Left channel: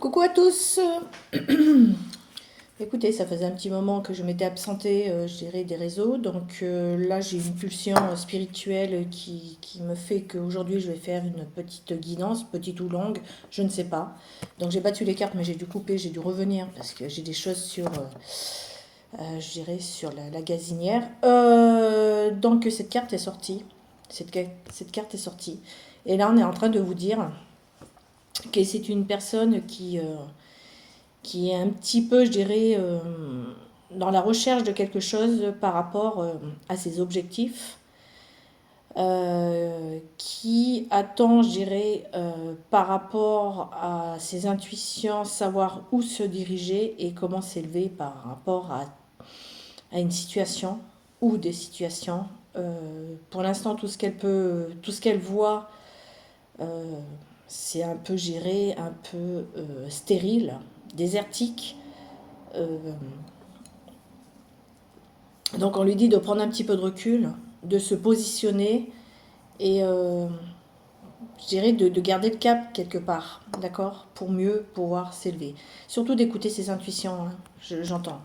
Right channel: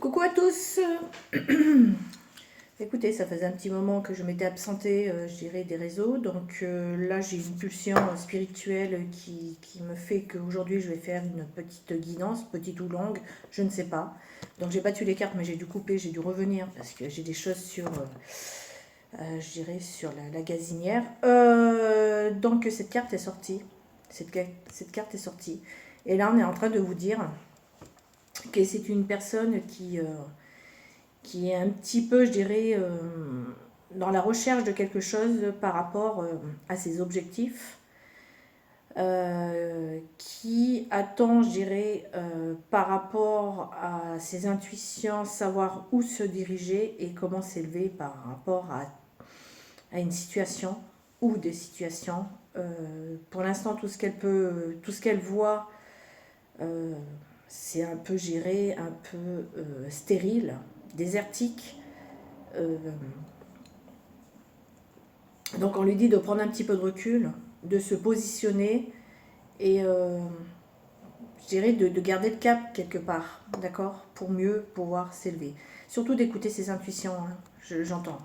Coucou à tous. Écoutez, ça faisait un petit moment que je m'étais absentée, je dirais, des réseaux. Donc là, j'ai une pulsion spirituelle qui me fait qu'aujourd'hui, je vais faire une petite guidance, petite ou longue, je ne sais pas. Donc j'ai battu les cartes, mais j'ai dû couper, j'ai dû revenir parce que j'ai des choses sur, je dirais, sur la gazinière. Donc cette carte est sortie. Cette carte est sortie. Et là, on est en train de vous dire que c'est une personne qui est un petit peu, je dirais, dans la recherche de quelque chose par rapport à ses objectifs, qui attend, je dirais, par rapport à ses intuitions, savoir où se diriger et comment s'élever par rapport à une situation ou des situations. Pour l'instant, tout ce qu'elle voit, euh, c'est un peu géré, un peu stérile, désertique. Euh, donc on lui dit de prendre un petit peu de recul, de se positionner et je dirais de garder le cap quelque part, d'accord, pour mieux pouvoir s'élever. Surtout d'écouter ses intuitions, hein, j'entends.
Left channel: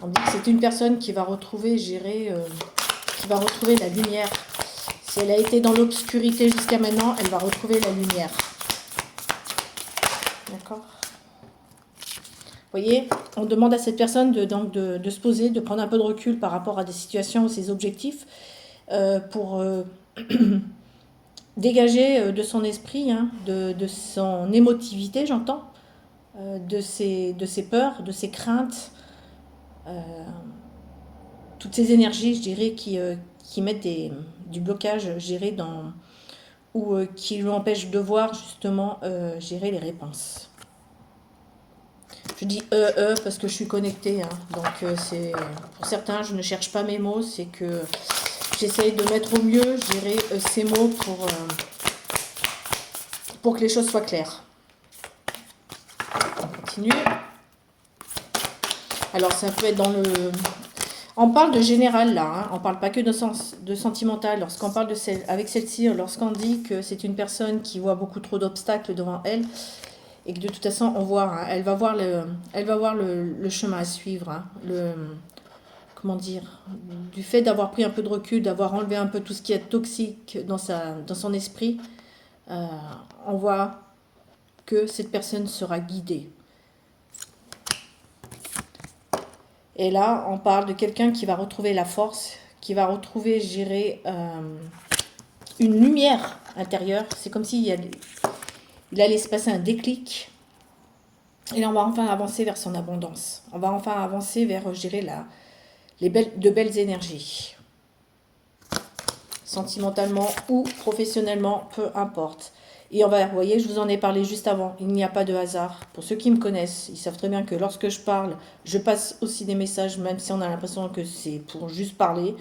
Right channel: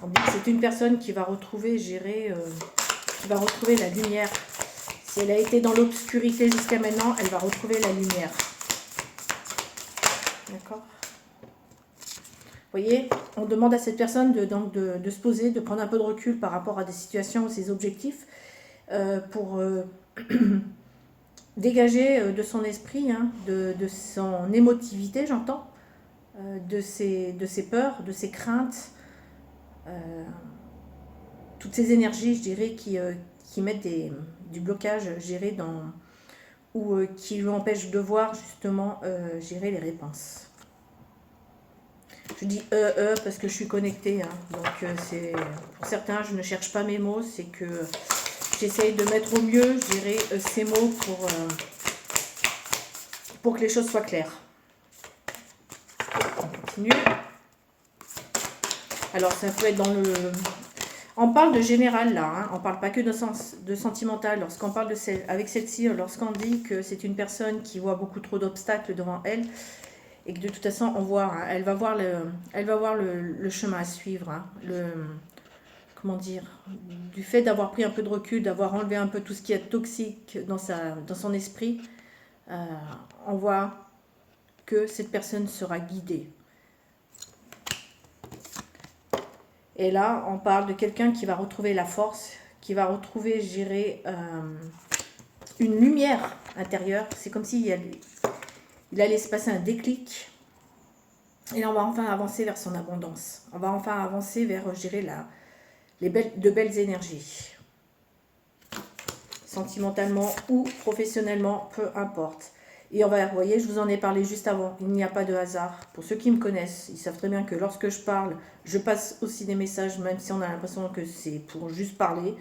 On dit que c'est une personne qui va retrouver, qui va retrouver la lumière. Si elle a été dans l'obscurité jusqu'à maintenant, elle va retrouver la lumière. D'accord. Vous voyez, on demande à cette personne de se poser, de prendre un peu de recul par rapport à des situations ou ses objectifs pour dégager de son esprit, hein, de son émotivité, j'entends, de ses peurs, de ses craintes, euh, toutes ces énergies, je dirais, qui mettent du blocage, je dirais, ou qui lui empêchent de voir justement, je dirais, les réponses. Je dis parce que je suis connectée, hein, donc c'est pour certains, je ne cherche pas mes mots, c'est que j'essaye de mettre au mieux, je dirais, ces mots pour que les choses soient claires. On continue. Alors ça peut être dans le... On parle de général là, hein, on parle pas que de sentimental. Lorsqu'on parle avec celle-ci, lorsqu'on dit que c'est une personne qui voit beaucoup trop d'obstacles devant elle, et que de toute façon on voit, hein, elle va voir le chemin à suivre, hein, comment dire, du fait d'avoir pris un peu de recul, d'avoir enlevé un peu tout ce qui est toxique dans son esprit, euh, on voit que cette personne sera guidée. Et là, on parle de quelqu'un qui va retrouver la force, qui va retrouver, je dirais, une lumière intérieure. C'est comme s'il allait se passer un déclic. Et là, on va enfin avancer vers son abondance. On va enfin avancer vers, je dirais, de belles énergies. Sentimentalement ou professionnellement, peu importe. Et on va, vous voyez, je vous en ai parlé juste avant, il n'y a pas de hasard. Pour ceux qui me connaissent, ils savent très bien que lorsque je parle, je passe aussi des messages, même si on a l'impression que c'est pour juste parler,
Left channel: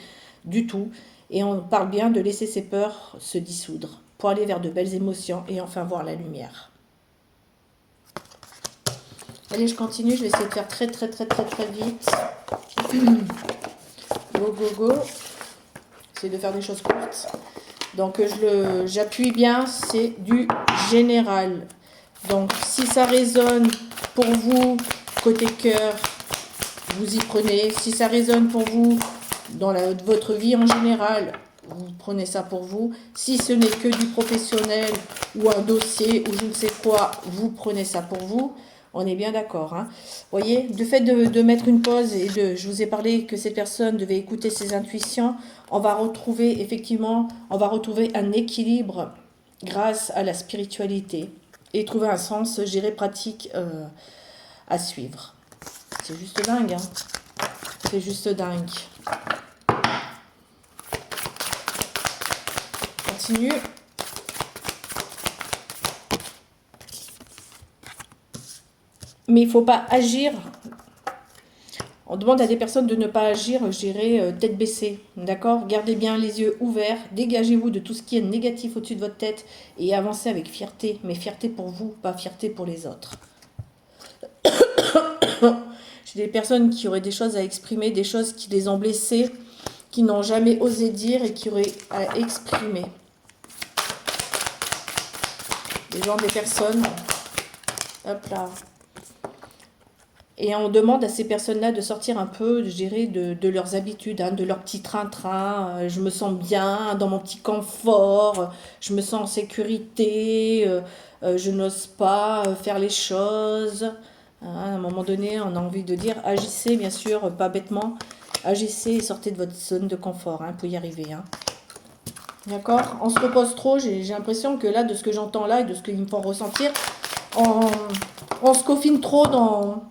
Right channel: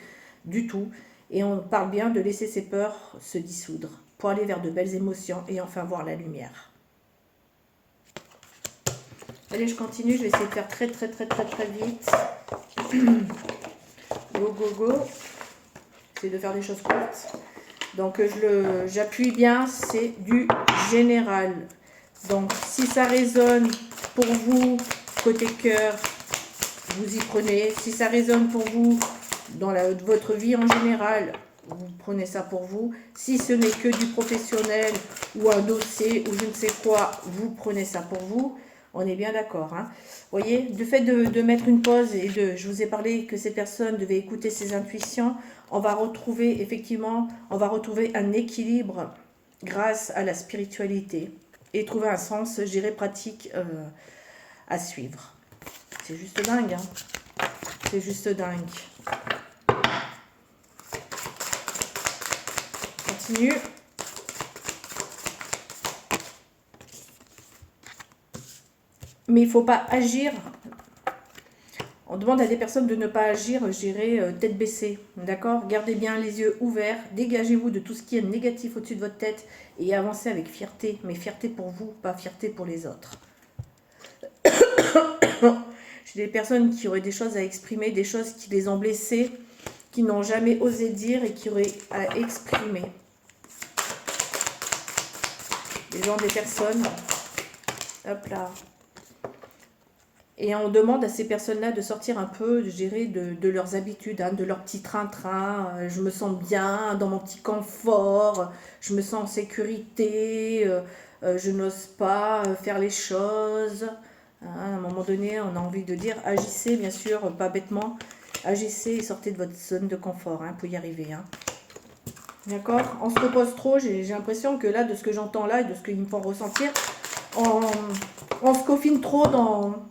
du tout. Et on parle bien de laisser ses peurs se dissoudre, pour aller vers de belles émotions et enfin voir la lumière. Allez, je continue, je vais essayer de faire très vite. Go, go, go. J'essaie de faire des choses courtes. Donc j'appuie bien, c'est du général. Donc si ça résonne pour vous, côté cœur, vous y prenez. Si ça résonne pour vous, dans votre vie en général, vous prenez ça pour vous. Si ce n'est que du professionnel ou un dossier ou je ne sais quoi, vous prenez ça pour vous. On est bien d'accord. Hein. Vous voyez, du fait de mettre une pause je vous ai parlé que cette personne devait écouter ses intuitions, on va retrouver effectivement, on va retrouver un équilibre grâce à la spiritualité et trouver un sens géré pratique à suivre. C'est juste dingue, hein. C'est juste dingue. Continue. Mais il ne faut pas agir. On demande à des personnes de ne pas agir, je dirais, tête baissée. D'accord? Gardez bien les yeux ouverts. Dégagez-vous de tout ce qui est négatif au-dessus de votre tête et avancez avec fierté. Mais fierté pour vous, pas fierté pour les autres. J'ai des personnes qui auraient des choses à exprimer, des choses qui les ont blessées, qui n'ont jamais osé dire et qui auraient à exprimer. des gens, des personnes. Hop là. Et on demande à ces personnes-là de sortir un peu, je dirais, de leurs habitudes, hein, de leur petit train-train. Je me sens bien dans mon petit confort, je me sens en sécurité, je n'ose pas faire les choses. Hein, à un moment donné, on a envie de dire, agissez, bien sûr, pas bêtement, agissez et sortez de votre zone de confort hein, pour y arriver. Hein. D'accord? On se repose trop, j'ai l'impression que là, de ce que j'entends là et de ce qu'ils me font ressentir, on se confine trop dans,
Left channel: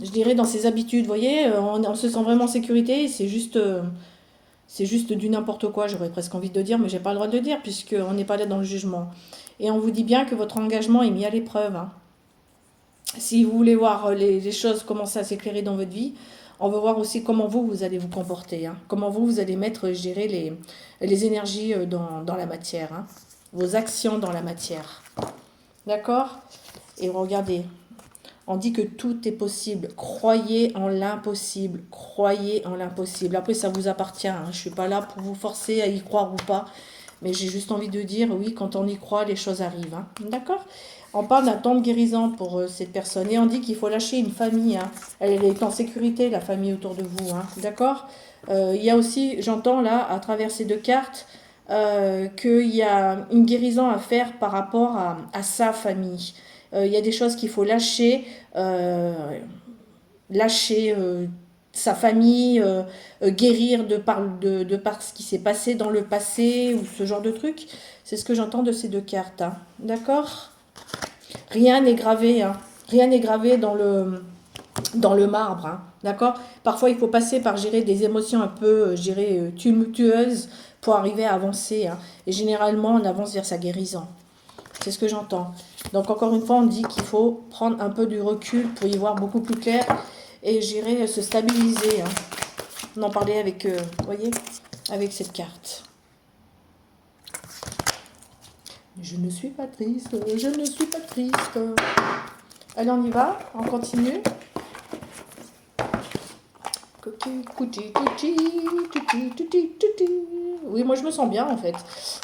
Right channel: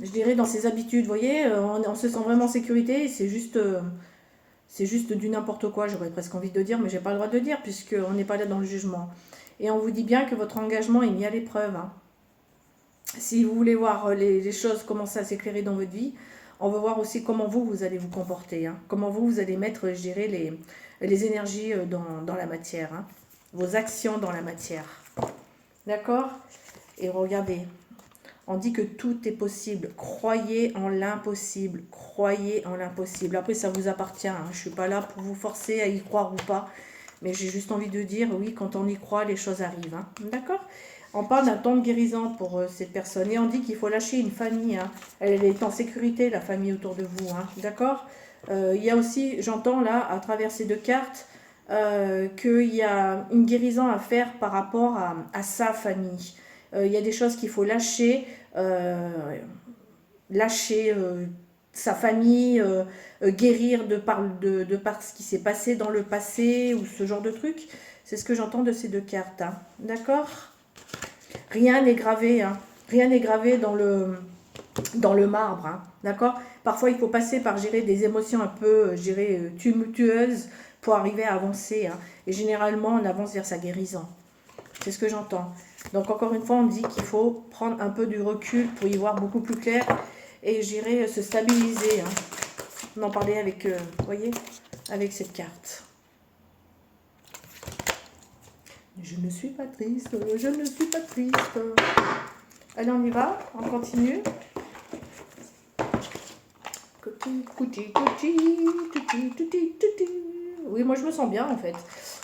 je dirais, dans ses habitudes. Vous voyez, on se sent vraiment en sécurité, c'est juste du n'importe quoi, j'aurais presque envie de dire, mais j'ai pas le droit de le dire, puisqu'on n'est pas là dans le jugement. Et on vous dit bien que votre engagement est mis à l'épreuve. Hein. Si vous voulez voir les choses commencer à s'éclairer dans votre vie, on veut voir aussi comment vous allez vous comporter. Hein. Comment vous allez mettre, je dirais, les énergies dans la matière. Hein. Vos actions dans la matière. D'accord? Et regardez, on dit que tout est possible. Croyez en l'impossible. Croyez en l'impossible. Après, ça vous appartient. Hein. Je ne suis pas là pour vous forcer à y croire ou pas. Mais j'ai juste envie de dire, oui, quand on y croit, les choses arrivent. Hein. D'accord? On parle d'un temps de guérison pour cette personne. Et on dit qu'il faut lâcher une famille. Hein. Elle est en sécurité, la famille autour de vous. Hein. D'accord? Il y a aussi, j'entends là, à travers ces deux cartes, qu'il y a une guérison à faire par rapport à sa famille. Il y a des choses qu'il faut lâcher, lâcher sa famille, guérir de par ce qui s'est passé dans le passé ou ce genre de truc. C'est ce que j'entends de ces deux cartes. Hein. D'accord? Rien n'est gravé. Hein. Rien n'est gravé dans le marbre. Hein. D'accord? Parfois, il faut passer par gérer des émotions un peu, tumultueuses pour arriver à avancer. Hein. Et généralement, on avance vers sa guérison. C'est ce que j'entends. Donc encore une fois, on dit qu'il faut prendre un peu du recul pour y voir beaucoup plus clair et j'irai se stabiliser. Hein. On en parlait avec, voyez, avec cette carte. Je ne suis pas triste, je ne suis pas triste. Allez, on y va, on continue. Oui, moi je me sens bien en fait.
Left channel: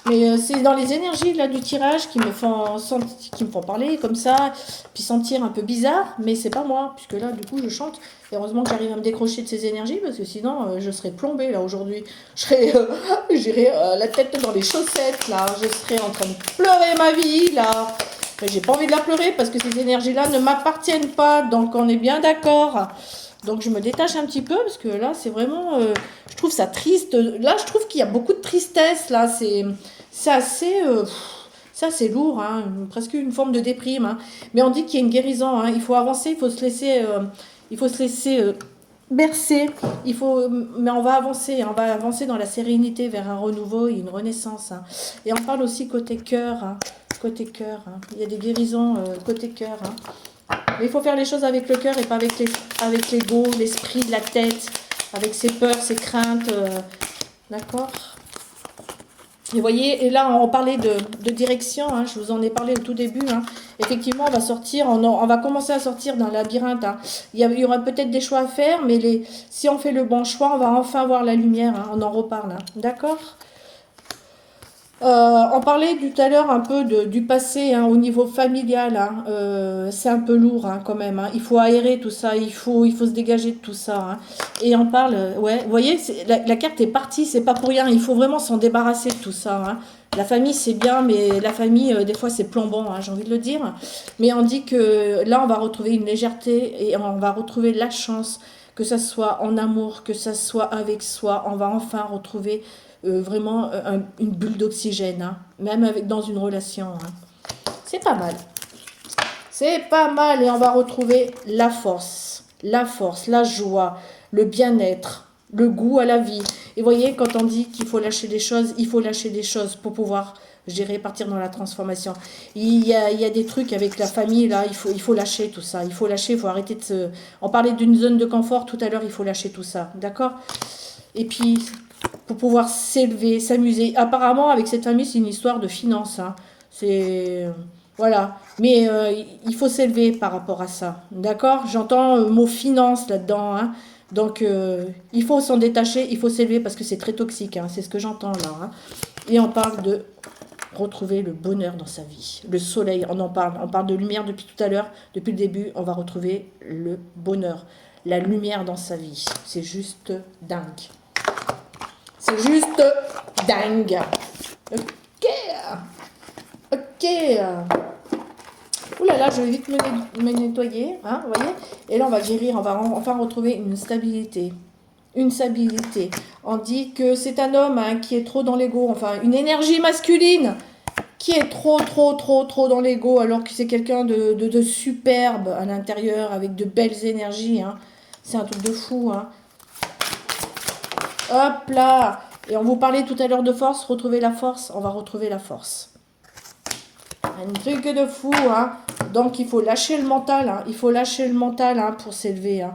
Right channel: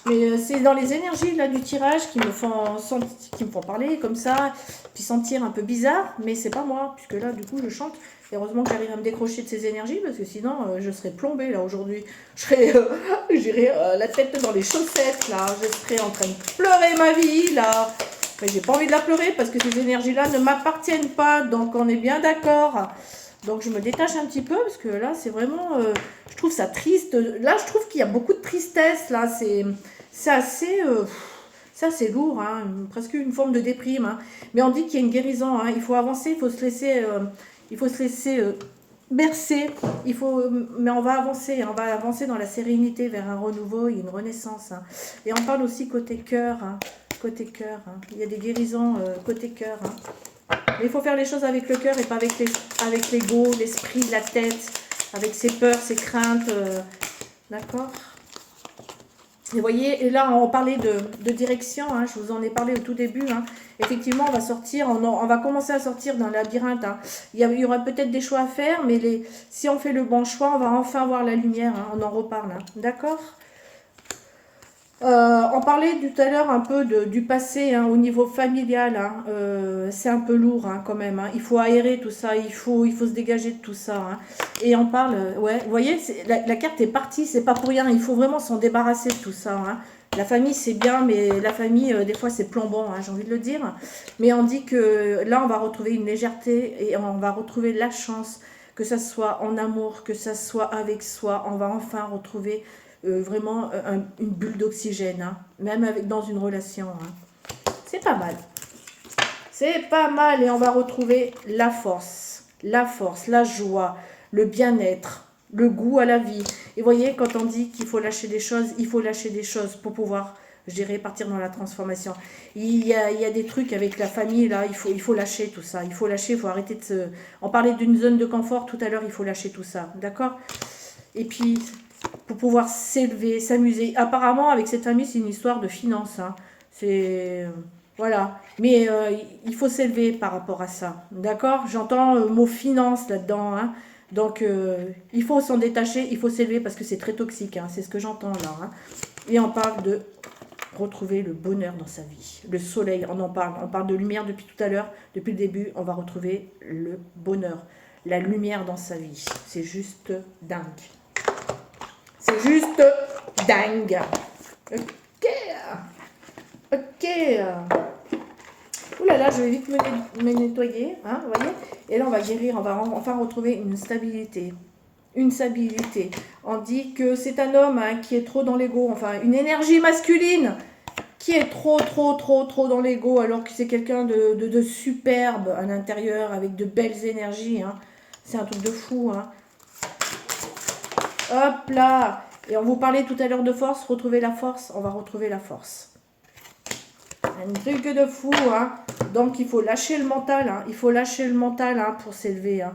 Mais c'est dans les énergies là du tirage qui me font parler comme ça, puis sentir un peu bizarre, mais c'est pas moi, puisque là du coup je chante. Et heureusement que j'arrive à me décrocher de ces énergies, parce que sinon je serais plombée là aujourd'hui. J'irais la tête dans les chaussettes là, je serais en train de pleurer ma vie là. Mais j'ai pas envie de la pleurer parce que ces énergies-là ne m'appartiennent pas, donc on est bien d'accord. Donc je me détache un petit peu parce que là c'est vraiment, je trouve ça triste. Là je trouve qu'il y a beaucoup de tristesse. Là c'est assez lourd, hein, presque une forme de déprime. Hein. Mais on dit qu'il y a une guérison. Hein. Il faut avancer, il faut se laisser bercer. Mais on va avancer dans la sérénité vers un renouveau et une renaissance. Hein. Et on parle aussi côté cœur. Hein. Côté cœur. Hein. Il y a des guérisons côté cœur. Hein. Mais il faut faire les choses avec le cœur et pas avec l'ego, l'esprit, la tête, avec ses peurs, ses craintes. D'accord? Et vous voyez, et là, on parlait de direction, hein, je vous en ai parlé au tout début. Hein. Effectivement, on va sortir, on va commencer à sortir d'un labyrinthe. Hein. Il y aura peut-être des choix à faire, mais si on fait le bon choix, on va enfin voir la lumière. Hein, on en reparle. Hein. D'accord? On parlait tout à l'heure un peu du passé hein, au niveau familial. Hein, c'est un peu lourd hein, quand même. Hein. Il faut aérer tout ça, il faut se dégager de tout ça. Hein. Et on parle, ouais, vous voyez, la carte est partie, c'est pas pour rien. Il faut vraiment s'en débarrasser de tout ça. Hein. La famille, c'est bien, mais la famille, des fois, c'est plombant, hein, j'ai envie de le dire. Mais on dit que là, on va retrouver une légèreté et on va retrouver la chance, que ça soit en amour, que ça soit avec soi. On va enfin retrouver vraiment une bulle d'oxygène, hein, même dans une relation. Hein. C'est pas mal. C'est pas mal et on va retrouver la force, la joie, le bien-être, le goût à la vie. Et voyez, quand on dit qu'il faut lâcher des choses, il faut lâcher des choses pour pouvoir, je dirais, partir dans la transformation. Il y a des trucs avec la famille, là, il faut lâcher tout ça. Il faut lâcher, il faut arrêter de se... On parlait d'une zone de confort tout à l'heure, il faut lâcher tout ça, d'accord? Et puis... pour pouvoir s'élever, s'amuser. Apparemment, avec cette famille, c'est une histoire de finances. Hein. C'est... voilà. Mais il faut s'élever par rapport à ça. D'accord? J'entends le mot finance là-dedans. Hein. Donc, il faut s'en détacher, il faut s'élever parce que c'est très toxique. Hein. C'est ce que j'entends là. Hein. Et on parle de retrouver le bonheur dans sa vie. Le soleil, on parle de lumière depuis tout à l'heure, depuis le début, on va retrouver le bonheur, la lumière dans sa vie. C'est juste dingue. C'est juste dingue. Ok. Ok. Ouh là là, je vais vite me nettoyer, hein, vous voyez. Et là, on va guérir, on va enfin retrouver une stabilité. Une stabilité. On dit que c'est un homme hein, qui est trop dans l'ego, enfin une énergie masculine qui est trop dans l'ego, alors que c'est quelqu'un de superbe à l'intérieur, avec de belles énergies. Hein. C'est un truc de fou. Hein. Hop là. Et on vous parlait tout à l'heure de force, retrouver la force, on va retrouver la force. Un truc de fou, hein. Donc il faut lâcher le mental, hein. Il faut lâcher le mental hein, pour s'élever. Hein.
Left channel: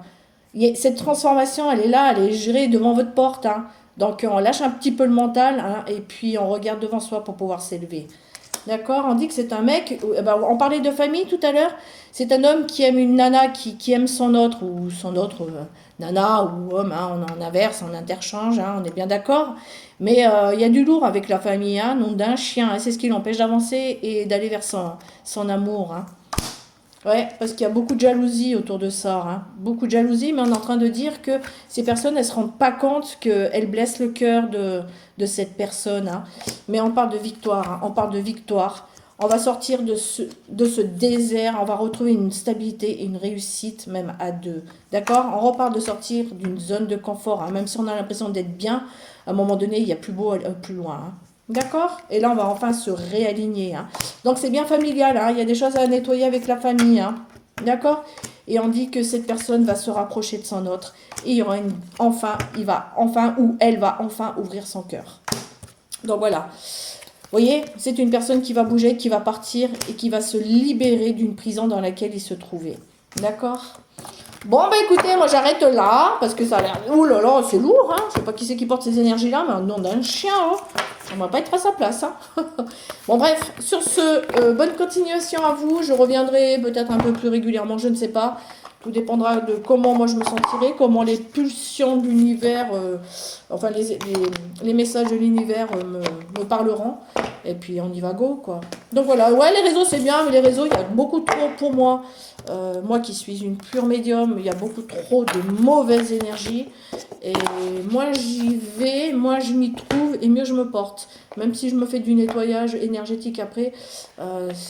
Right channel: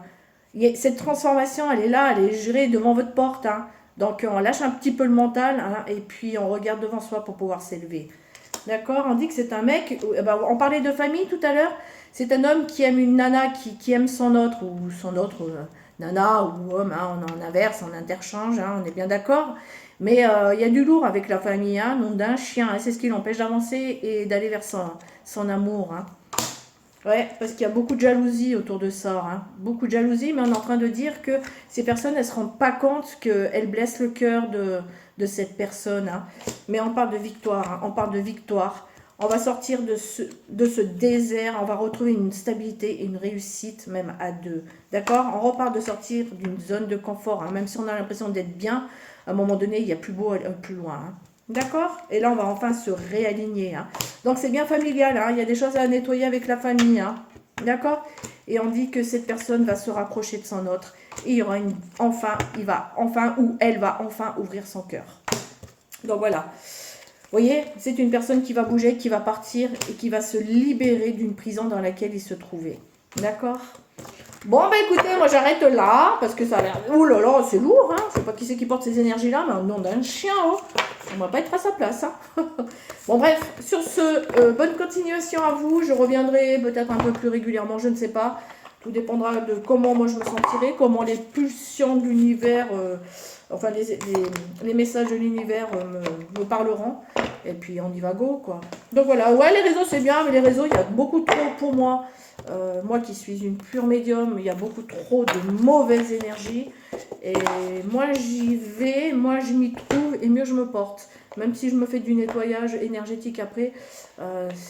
Cette transformation, elle est là, elle est gérée devant votre porte. Hein. Donc on lâche un petit peu le mental hein, et puis on regarde devant soi pour pouvoir s'élever. D'accord. On dit que c'est un mec, on parlait de famille tout à l'heure, c'est un homme qui aime une nana qui aime son autre, ou son autre nana ou homme, hein, on en inverse, on interchange, hein, on est bien d'accord. Mais il y a du lourd avec la famille, hein, nom d'un chien, hein, c'est ce qui l'empêche d'avancer et d'aller vers son amour. Hein. Ouais, parce qu'il y a beaucoup de jalousie autour de ça, hein. Beaucoup de jalousie, mais on est en train de dire que ces personnes, elles ne se rendent pas compte qu'elles blessent le cœur de cette personne. Hein. Mais on parle de victoire, hein. On parle de victoire. On va sortir de ce désert, on va retrouver une stabilité et une réussite, même à deux. D'accord. On reparle de sortir d'une zone de confort, hein. Même si on a l'impression d'être bien, à un moment donné, il y a plus beau, plus loin. Hein. D'accord. Et là, on va enfin se réaligner. Hein. Donc, c'est bien familial. Hein. Il y a des choses à nettoyer avec la famille. Hein. D'accord. Et on dit que cette personne va se rapprocher de son autre. Et il y aura il va enfin, ou elle va enfin ouvrir son cœur. Donc, voilà. Vous voyez, c'est une personne qui va bouger, qui va partir et qui va se libérer d'une prison dans laquelle il se trouvait. D'accord. Bon, bah écoutez, moi j'arrête là, parce que ça a l'air... Ouh là là, c'est lourd, hein. Je sais pas qui c'est qui porte ces énergies-là, mais un nom d'un chien, hein. On va pas être à sa place, hein. Bon, bref, sur ce, bonne continuation à vous. Je reviendrai peut-être un peu plus régulièrement, je ne sais pas. Tout dépendra de comment moi je me sentirai, comment les pulsions de l'univers, enfin les messages de l'univers me parleront. Et puis on y va go, quoi. Donc voilà, ouais, les réseaux c'est bien, mais les réseaux, il y a beaucoup trop pour moi. Moi qui suis une pure médium, il y a beaucoup trop de mauvaises énergies. Et moi j'y vais, moi je m'y trouve et mieux je me porte. Même si je me fais du nettoyage énergétique après, je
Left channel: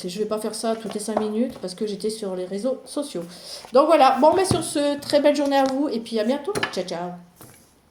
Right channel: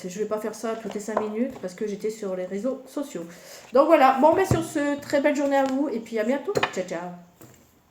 ne vais pas faire ça toutes les 5 minutes parce que j'étais sur les réseaux sociaux. Donc voilà, bon, mais sur ce, très belle journée à vous et puis à bientôt. Ciao, ciao.